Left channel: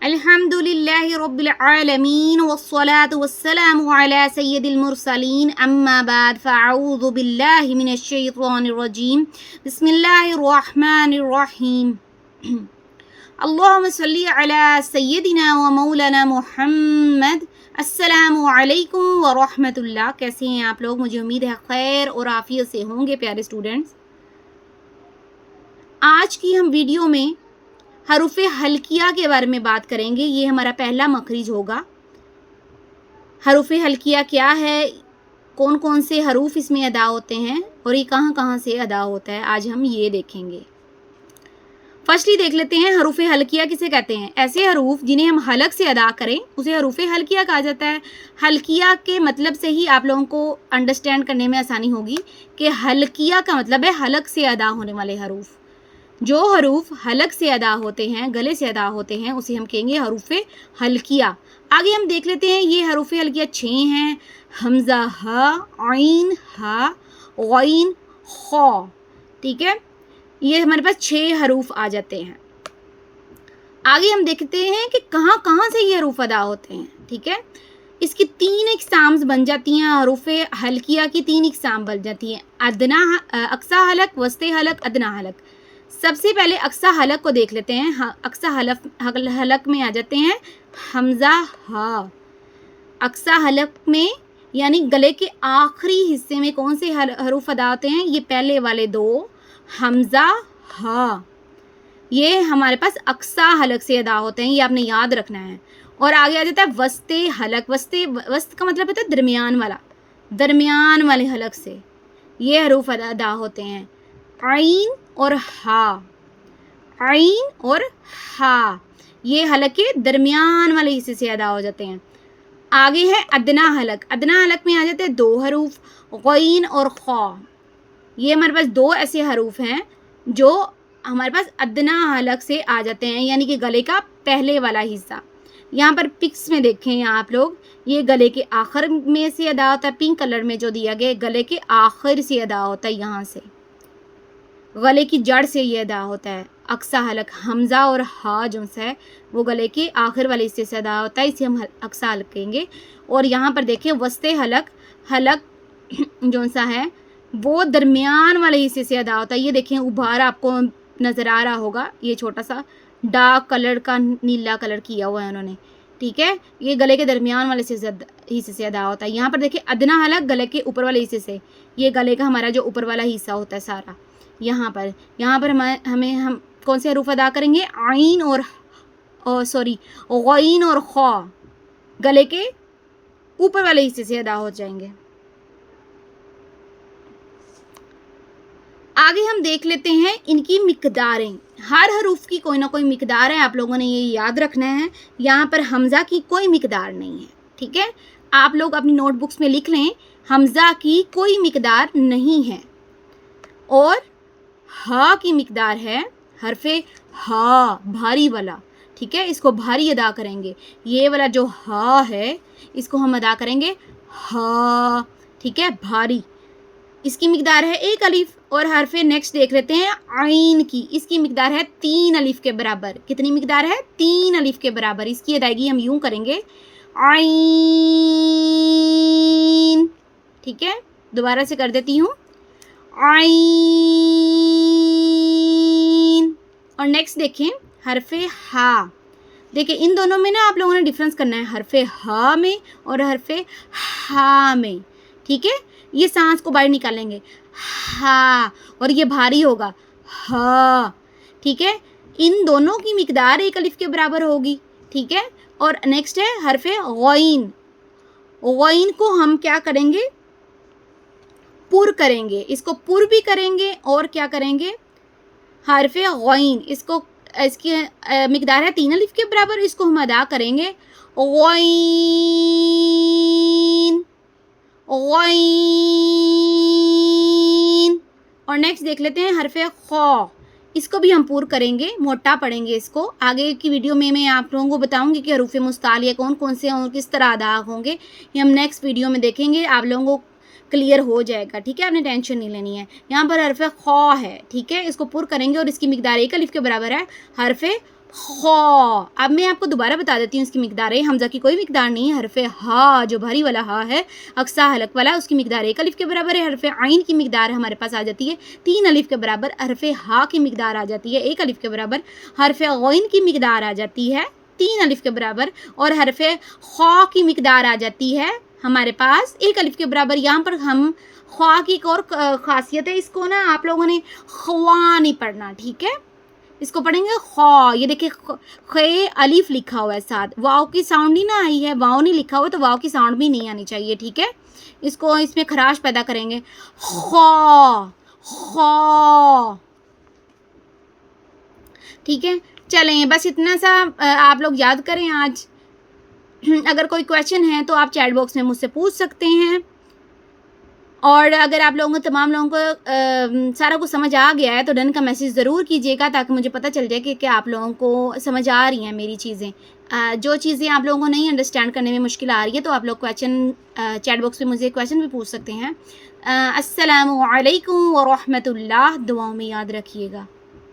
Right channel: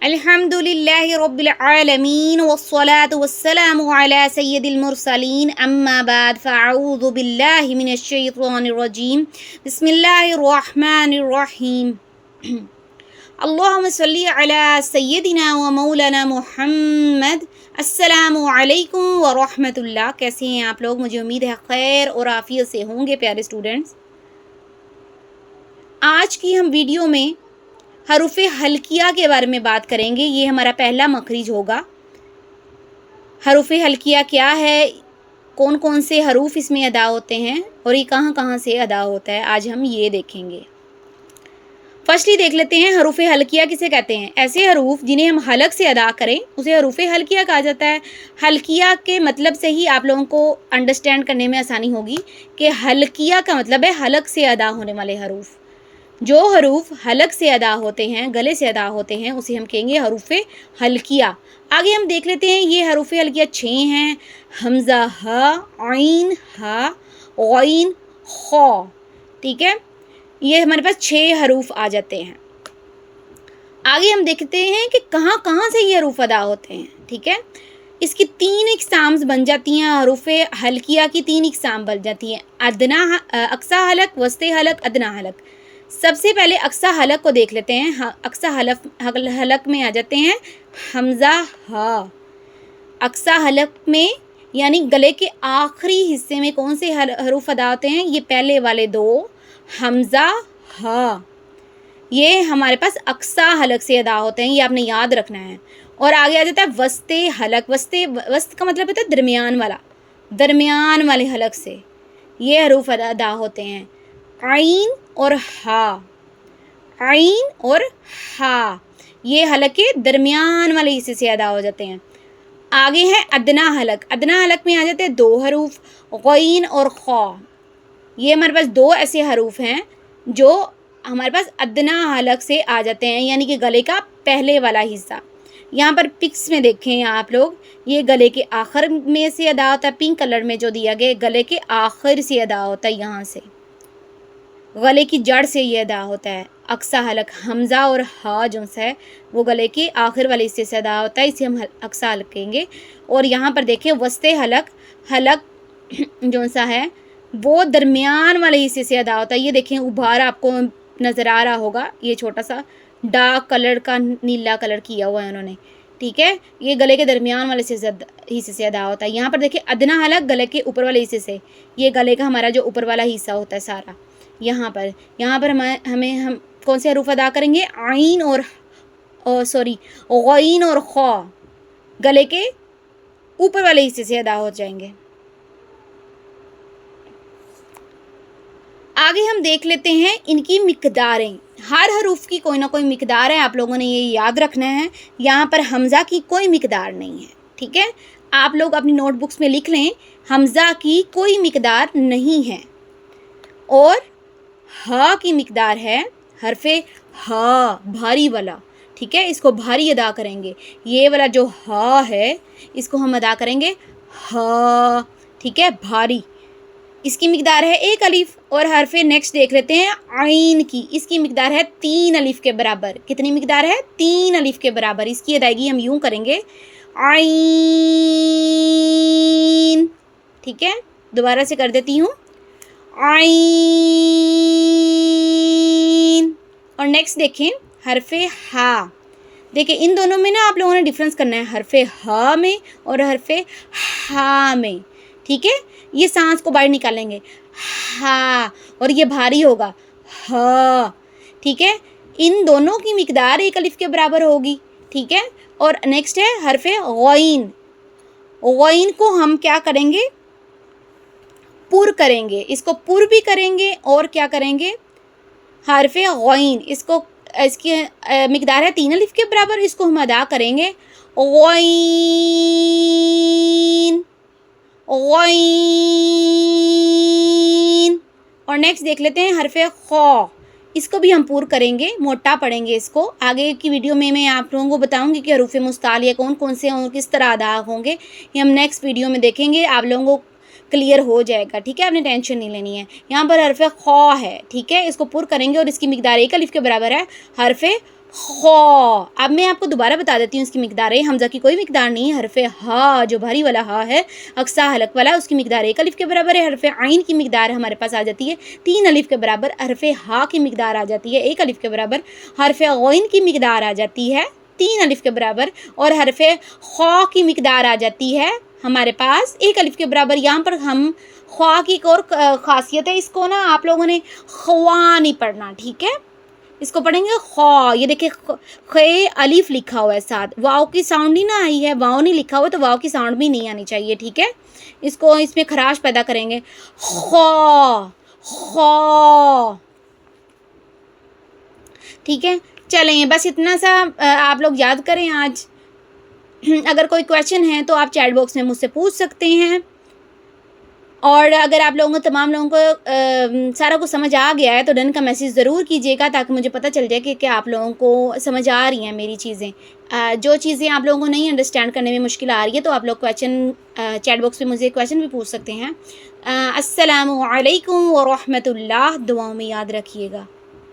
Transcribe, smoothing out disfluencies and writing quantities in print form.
अल्हम्दुलिल्लाहि रब्बिल आलमीन वस्सलातु वस्सलामु अला सय्यिदिल मुरसलीन अम्मा बाद फ़अऊज़ु बिल्लाहि मिनश शैतानिर रजीम बिस्मिल्लाहिर रहमानिर रहीम अल्लाहुम्मा सल्लि अला सय्यिदिना व मौलाना मुहम्मद। अस्सलामु अलैकुम व रहमतुल्लाह। कैसे हैं आप लोग? मुझे उम्मीद है खैर और आफियत से होंगे प्यारे स्टूडेंट्स। आज की हम वीडियो में हरूफ़े हल्किया के बारे में बात करेंगे। ये हमारा पहला मखरिज होगा। हरूफ़े हल्किया क्या है, कौन कौन से हरूफ इसमें अदा होते हैं और ये कहाँ कहाँ से अदा होता है, आज हम ये देखेंगे। फर्स्टली देख लेते हैं हरूफ़े हल्किया किसे कहते हैं। ऐसे हरूफ जिन्हें हम हलक से अदा करें उसे हरूफ़े हल्किया कहा जाता है। हल्किया के मतलब से ही आप लोगों को अंडरस्टैंड करने में आसानी होगी कि हल्किया का मतलब है हलक से अदा होने वाले हरूफ। जो हरूफ हलक से अदा होते हैं, गले से अदा होते हैं, उसे हम कहेंगे हरूफ़े हल्किया। आगे हम देख लेते हैं ये हरूफ़े हल्किया 6 हैं। हमज़ा हा, आइन हा, गईन खौ। ठीक है, ये हमारे पास 6 हरूफ आ जाते हैं। आगे हम देखते हैं कि कहाँ कहाँ से ये हरूफ अदा होते हैं। ठीक है, इसकी 3 इक़साम्स बन जाती हैं। हरूफ़े हल्किया की 3 इक़साम बन जाती हैं। अक्सा हलक, वस्ते हलक, अदना हलक। सबसे पहले अक्सा हलक को देख लेते हैं। अक्सा हलक में आ जाते हैं हमज़ा हा। अक्सा हलक में यानी गले के आखिरी हिस्से में कौन से हरूफ अदा होते हैं? ये पहले वाले 2 हमज़ा हा, ये हमारे पास अक्सा हलक से अदा होते हैं, ये आपने याद रखना है। और आगे आ जाता है वस्ते हलक। वस्त का मतलब होता है दरमियान वाला, दरमियान वाले हलक से ये हरूफ अदा होते हैं। आइन और हा, आइन और हा, ये हलक के दरमियान वाले हिस्से से अदा हो जाते हैं। आगे है अदना हलक। अदना हलक में आ जाते हैं 2 हरूफ गईन और खौ। ये हमारे पास 2 ऐसे हरूफ हैं जो हमारे पास अदना हलक से आ जाते हैं, यानी कि गले का पहले वाला हिस्सा। यहाँ पर पिक्स में देखें आप लोग, ये गले के आखिर में से अदा होता है। पिंक कलर में जो दिया गया गले के आखिर से अदा होता है, यहाँ से गले की जड़ से ये अदा होता है। अक्सा हलक हमज़ा और हा जो है वो गले के आखिर वाले हिस्से से अदा होता है, इसे हम अक्सा हलक कहेंगे। और यहाँ पर देखें वस्ते हलक, हलक जो सा है वो दरमियान वाले हिस्से से अदा होता है। ये देखें उभार आपको नज़र आ रहा होगा, ये छोटा सा डार्क कलर का नीला कलर किया हुआ है उन्होंने। ठीक है, ये गले के दरमियान वाले हिस्से से अदा होता है। यहाँ पर देखिए अदना हलक गले के ऊपर वाले हिस्से से, ये गले का हमारा जो ऊपर वाला हिस्सा होता है सारा। यहाँ पर हम कौन से हरूफ अदा करेंगे? आइन और गईन और खौ गले के ऊपर वाले हिस्से से अदा हो जाएंगे। आगे हम देख लेते हैं इनकी मिकदारें। हर हरूफ की कोई ना कोई मिकदार है, आप लोगों ने ये याद रखना है। यहाँ पर हमज़ा की कोई मिकदार नहीं है। ठीक है, आप लोग अपनी नोटबुक्स में लिख लें, हमज़ा की कोई मिकदार नहीं है। और हा की मिकदार है हरफे हा, भारी वाला। ठीक है, इसको भारी अदा करेंगे। ये वाला जो हा है इसको हम अदा करेंगे हा। ठीक है, भारी। इसकी मिकदार है 1 अलिफ। और हरफे नेक्स्ट देख लेते हैं आइन की। इसकी मिकदार है 3 अलिफ के बराबर। कितनी मिकदार है? 3 अलिफ के बराबर। इसकी अदायगी हम यूं करेंगे आइन। ठीक है, दोबारा से कर देती हूँ आइन। और नेक्स्ट देखें हरफे हा। देखिए इन दोनों में ना आप लोगों ने डिफरेंस करना है, हरफे हा में और हरफे हा में। ठीक है, ये सांस को बाहर निकालेंगे हा, और ये भारी होगा हा। ठीक है, इन दोनों की मिकदार 1 अलिफ के बराबर होगी। ठीक है, और नेक्स्ट है हरफे गईन। गईन को हम क्या करेंगे? पुर करेंगे। इसको पुर भी करेंगे और क्या करेंगे? हरफे गईन, इसकी मिकदार है 3 अलिफ के बराबर, इसको हम अदा करेंगे गईन गईन। और नेक्स्ट देख लेते हैं हरफे खौ। इसको भी हम पूर करेंगे, मोटा पढ़ेंगे इसको। आगे की वीडियो में मैं आप लोगों को बताऊंगी कि हरूफ मुस्तालिया कौन कौन से और किस तरह अदा होंगे। ये हम नेक्स्ट वीडियो में देखेंगे, आप लोगों को क्लियर हो जाएगा। ठीक है, आपने टेंशन नहीं लेनी है। यहाँ पर हरफे खौ है। ठीक है, इसको पुर करेंगे और इसकी मिकदार 1 अलिफ के बराबर है। हरफे خا. اب میں آپ کو دوبارہ بتا دیتی ہوں اس کی مقدار ہے. حمزہ کی کوئی مقدار نہیں. حرف ہا جو بھاری والا ہا ہے اقصا حلق والا, اس کی مقدار 1 الف کے برابر ہے. حرف عین کی مقدار ہمارے پاس آ جاتی ہے 3 الف کے برابر. حرف ہا کی مقدار آ جاتی ہے 1 الف کے برابر. حرف غین کی مقدار آ جاتی ہے 3 الف کے برابر. اور حرف خا کی مقدار آ جاتی ہے ہمارے پاس 1 الف کے برابر. یہاں پر ہم خا کی ایک اور خاصیت ہے, اس کو نا آپ لوگوں نے خوا نہیں پڑھنا, ٹھیک ہے, اس کو پڑھیں گے خا. یہ دیکھیں خے الف لکھا ہوا ہے ساتھ, واؤ کی ساؤنڈ نہیں نہ آئی ہے, واؤ نہیں لکھا ہوا تو واؤ کی ساؤنڈ بھی نہیں آنی چاہیے, ٹھیک ہے. اس کو اس میں خراش پیدا کریں گے خا خا, ٹھیک ہے. چلیں بس اتنا سا آپ لوگ یاد کریں آج. اگر کوئی کویشچن ہے تو آپ چیٹ باکس میں مجھ سے پوچھ سکتے ہیں. اور اگر آپ لوگوں کو تمام لوگوں کو سارا کچھ سمجھ آ گیا ہے تو ڈن کا میسیج ضرور کیجیے گا, تاکہ مجھے پتہ چل جائے کہ آپ لوگوں کو سمجھ آ رہی ہیں میری چیزیں. جو چیزیں آپ لوگوں کو نہیں انڈرسٹینڈ کرنے میں مشکل آ رہی ہے تو آپ لوگ کویشچن چیٹ باکس میں مجھے کویشچن بھی پوچھ سکتے ہیں. السلام علیکم ورحمۃ اللہ. دعاؤں میں یاد رکھیے گا.